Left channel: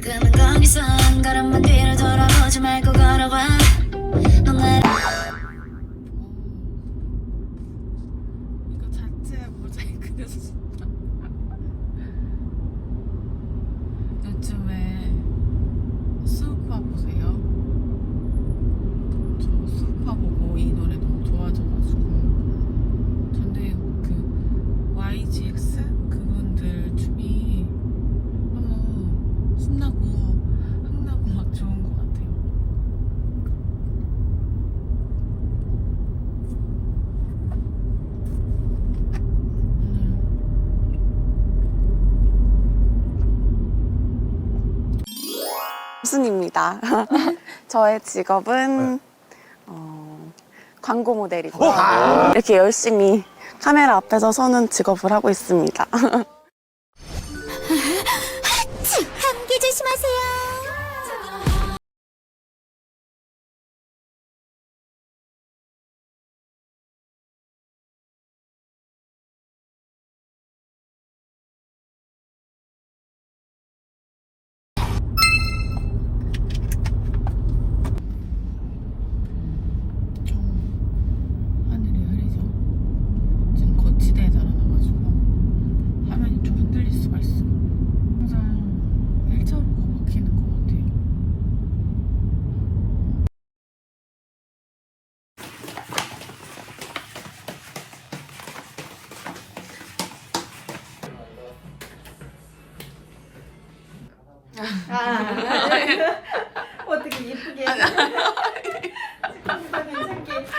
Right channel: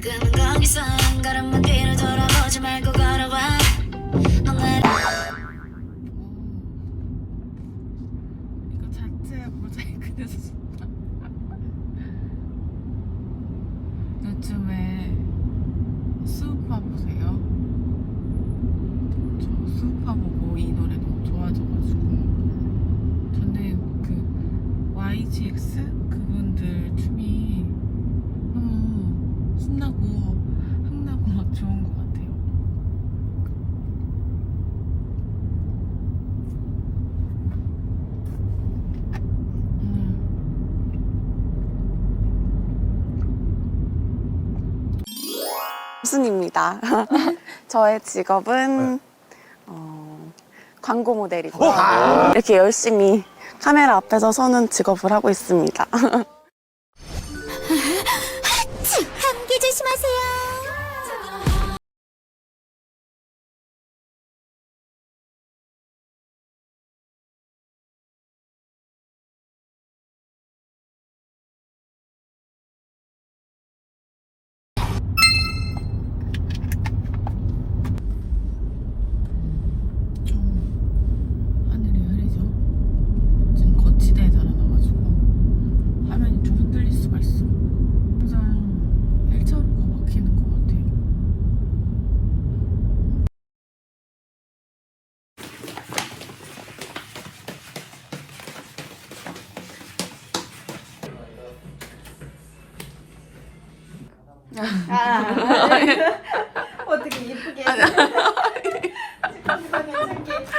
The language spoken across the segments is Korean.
그만 거기서 한 걸음만 뒤로 돌아보지 말고 걸어와 넌 나를 이거 자체 모자이크 돼서 좋다. 요즘에 수우파 보세요. 저 수우파 보고 이 노래 너무 좋아져가지고 저는 그 YGX 그분들 춤이 너무 신나고 흥나고 막 좋은 것 같아요. 순입니다. 저의 직업은 어, 광고 모델이고요. 이렇게 열심히 카메라 앞에서 서는 직업을 하고 있습니다. 어떻게 예쁘게 축하합니다 괜찮게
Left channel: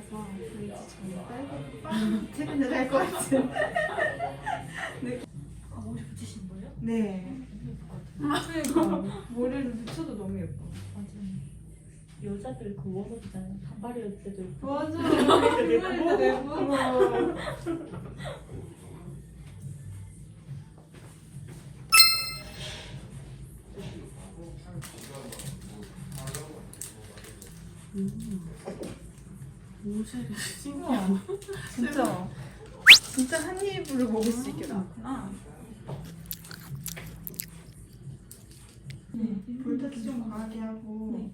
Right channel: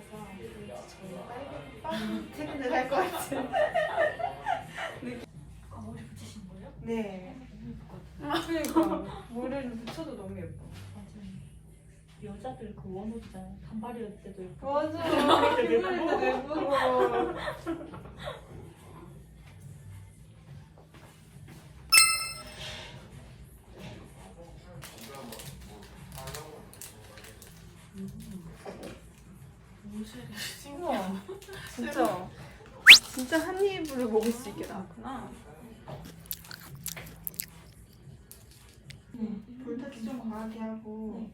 지? 퇴근을 할 것 같은. 네. 머리를 붙여도 너무 예뻐. 여자들 그 원옷 있잖아요. 단발이었을 때도. 맞아 정말이다 예뻐 옷이 신기하다. 진짜 진짜 한 입으로 먹을 수 있게 많구나 볼터치 좀 강하게 하고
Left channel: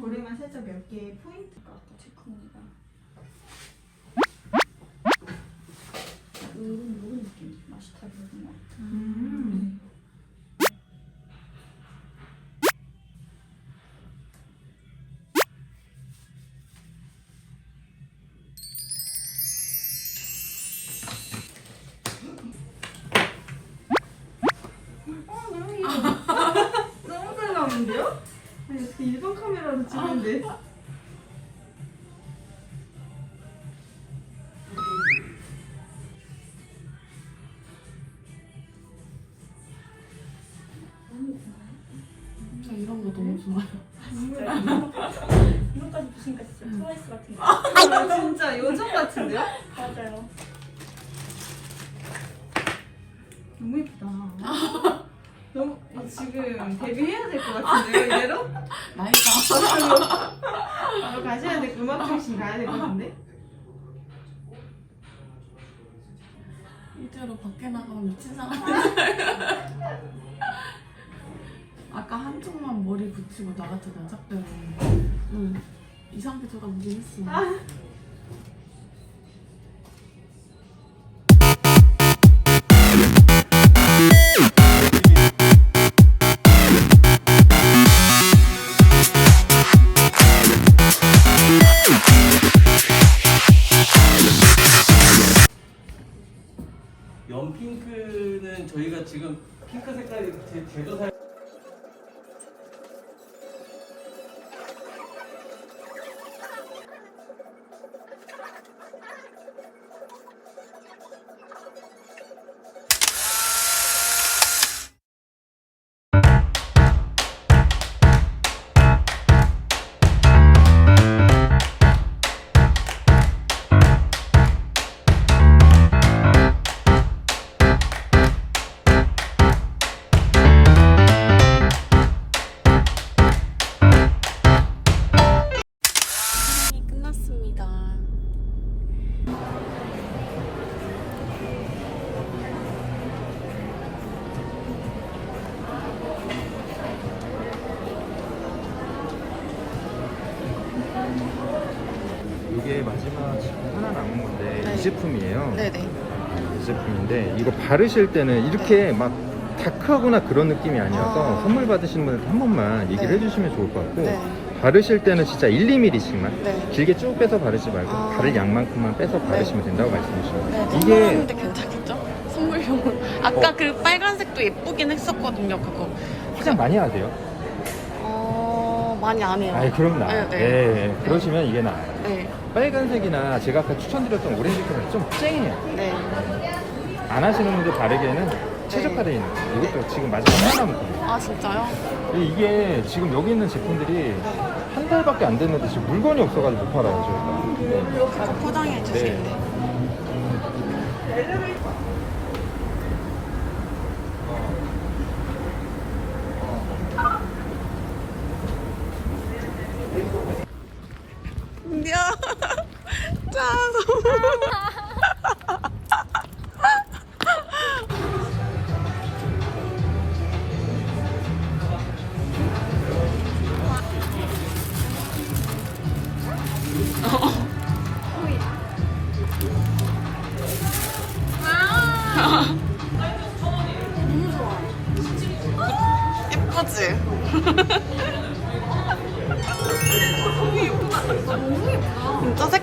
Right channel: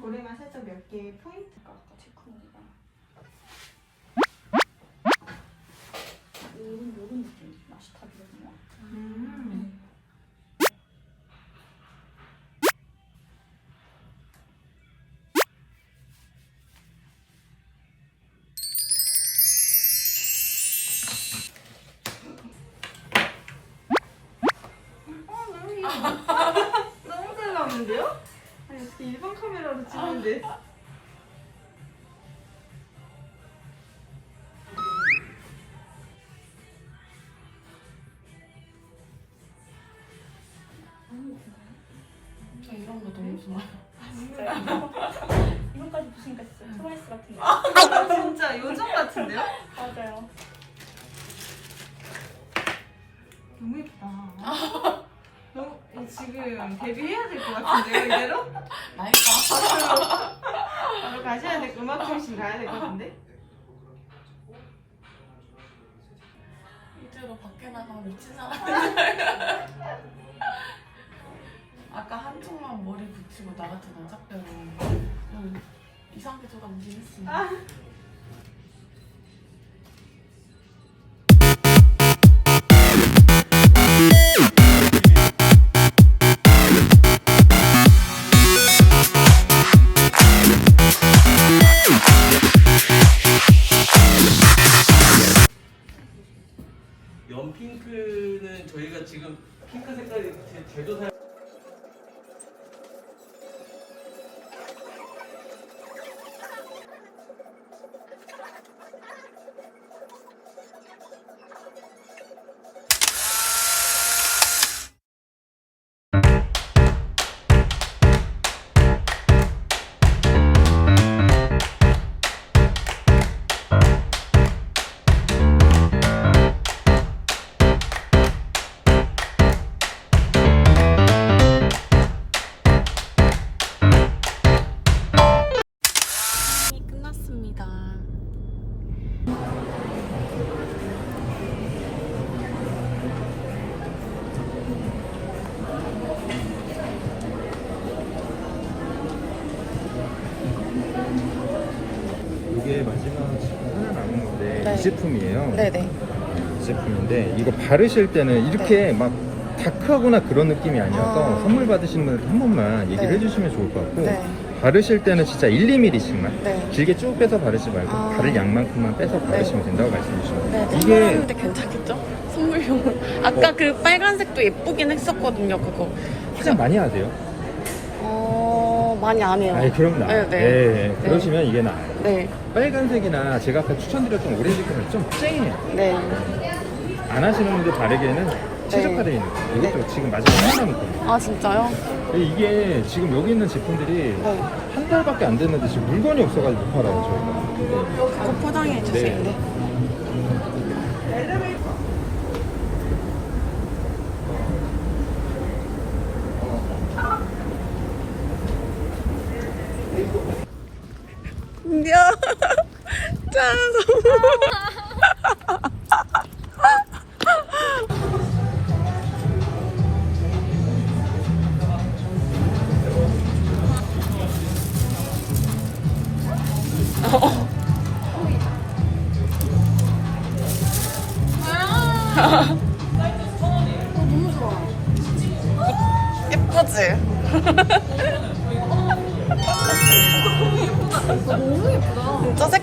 고랭만 살짝 몇 개 포인트 체크무늬가 요 카메라로 찍는데? 저 이런 거 너무 좋아요. 이것까지 보시니까 진짜 트와이스 같은데. 아, 진짜 요정 같은데요? 맞아요. 너무 예쁘다. 너무 지금 데뷔해야 될 것 같은데요 이대로? 나이가. 바로 가셔야 될 음악 중심 가야 될 것 같은데? 실제로 밖에 나가면 미친 사람. 아까 한쪽만 머리 붙이고 나 같은 남자배우 응. 이상하게 무긴 했습 저희가 지금 핑크 색깔이 제- 제조 사 제품인데 이거 바르실 때는 이렇게 막 다크하거나 그런 느낌이 아니어서 아. 선물 받으시는 분한 번만 얘기를 네. 해주시면 좋을 것 같고 네. 바르실 때는 진짜 1, 2mm씩만 네. 길게 쭉 빼서 바르지 말고 아. 바를 양만큼만 빼서 바르시면 된다고 말씀해 주시면 네, 이게 선물하는데 괜찮겠죠? 선물용으로. 아까 그 빨간색도 예쁘긴 했었거든요, 그거. 화장 많이 하세요? 어, 많이 안 해요. 아 그럼 나아요. 네, 네. 네, 네. 그러시면 이게 나아요. 네, 빨간색이나 제가 아까 추천드렸던 오렌지 컬러는 좀 쨍해요. 네. 안 하시는 분들 바르기에는 최적화되어 있는 거예요. 이것도 지금 마지막 하나 남았거든요. 아, 진짜요? 이게 지금 여기 있는 제품들이 네. 한 달밖에 안 됐는데 지금 물건이 없어가지고 못 팔아요. 저희가. 네. 그거 포장해 주세요. 네. 네.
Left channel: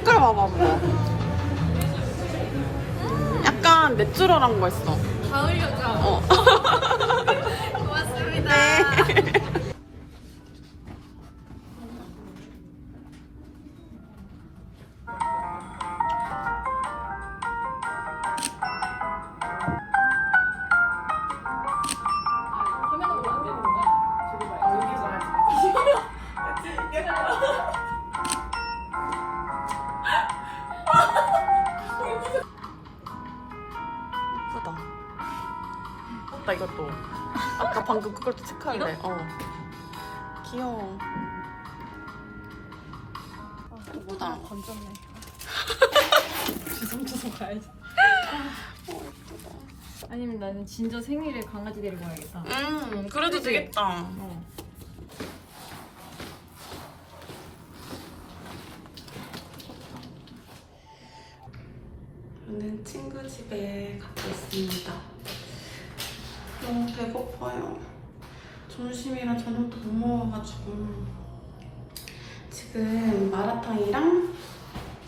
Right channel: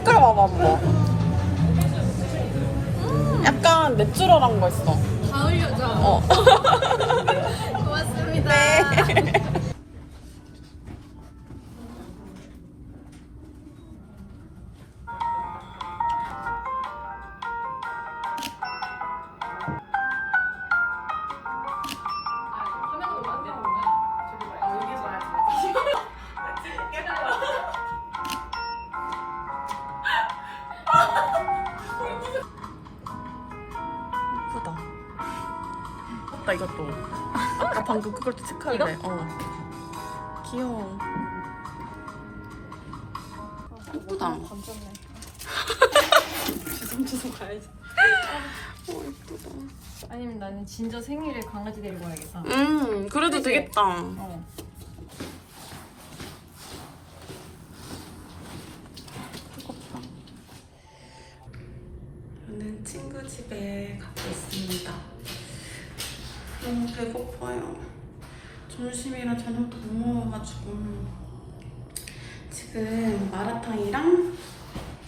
봐봐, 봐 약간 내추럴한 거 있어. 다 흘려줘. 어. 고맙습니다. 화면을 보면 안 되는 거야. 저기 봐요. 아, 여기 봐야지. 예쁘다, 이것도. 아까 방금 그걸 또 체크할래. 어. 귀여워. 예쁘다. 건졌네. 주섬주섬 가야지. 어, 예쁘다. 아니면 나는 진저 생일에 강아지 데리고 가야겠다. 음, 그래도 되겠다. 어. 저는 친구 집에 갔다 왔습니다. 너무 배고파요. 점심이랑 저녁도 못 먹어가지고 지금 마라탕이랑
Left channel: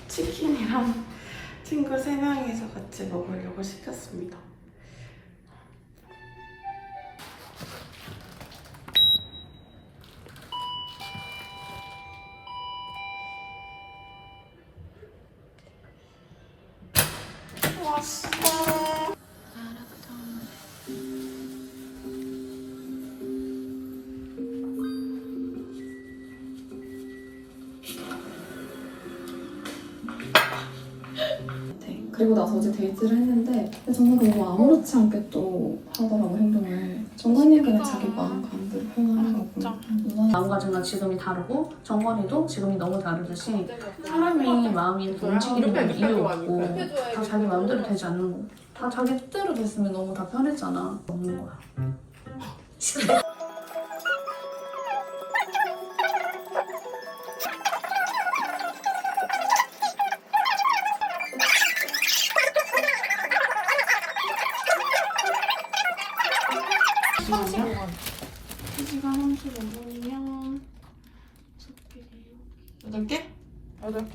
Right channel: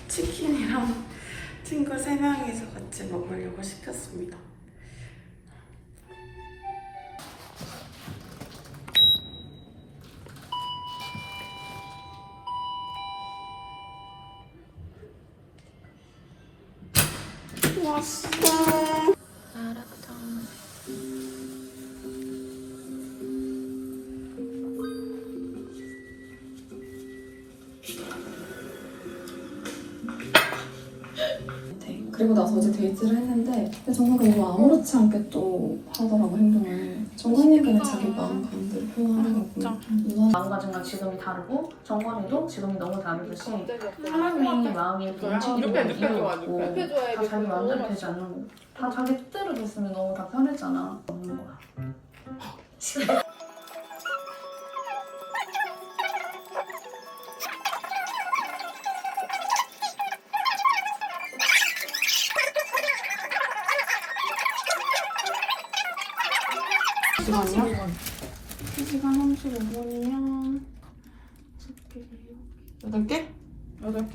치킨이랑 친구 세 명이서 같이 먹으려고 시켰습니다. 왔어. 그리고 나서 어제 데이트를 했는데 정말 너무 아무렇지 않게 또 하더라고 행동을 정관님은 자기 마음 감대로 표현하는 거고 진짜. 누나 마음가짐과 지금이 다르고 정원이도 지금이 너무 다르듯이 사람이 마음이 움직이는 건 이유 없고 다 자기 마음대로 되지 않는 거. 다 자기 뜻대로 됐으면 너무 다 편했잖아. 없는 거야.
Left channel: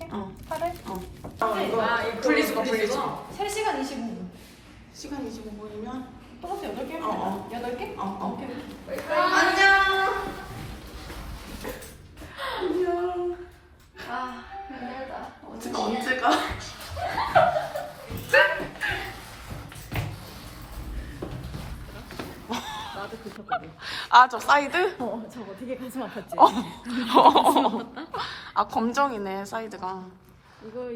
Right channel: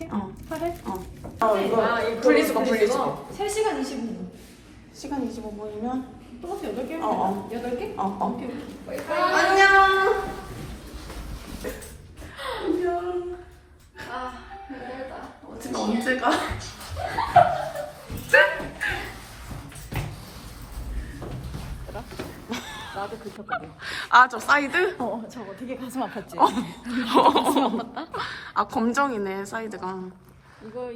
어. 8회? 어. 어, 이거 분리수거, 분리수거. 3시간 25분. 시간 25분이면 똑같이 8개? 어, 어. 8개? 어, 어. 안녕. 언제가 언제 가? 아, 저 사이드? 어, 저거 되게 가슴 아팠지? 아, 검정이네, 사이드가. 이거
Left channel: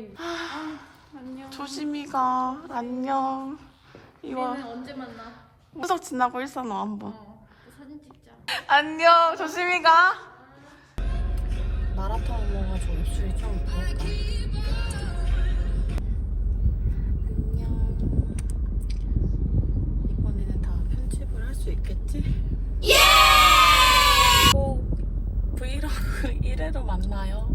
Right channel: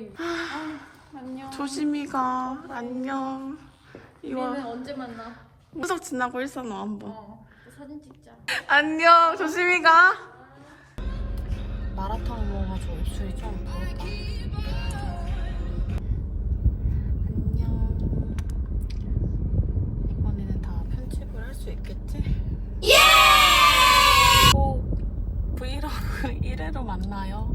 조심히 가. 안녕. 이거 우리는 언제 만나? 무석 지나고 일선호 한번. 어, 또 사진 찍자. 안녕. 조심히 가. 마라탕 먹어가지고 입술이 좀 부었다. 만나요.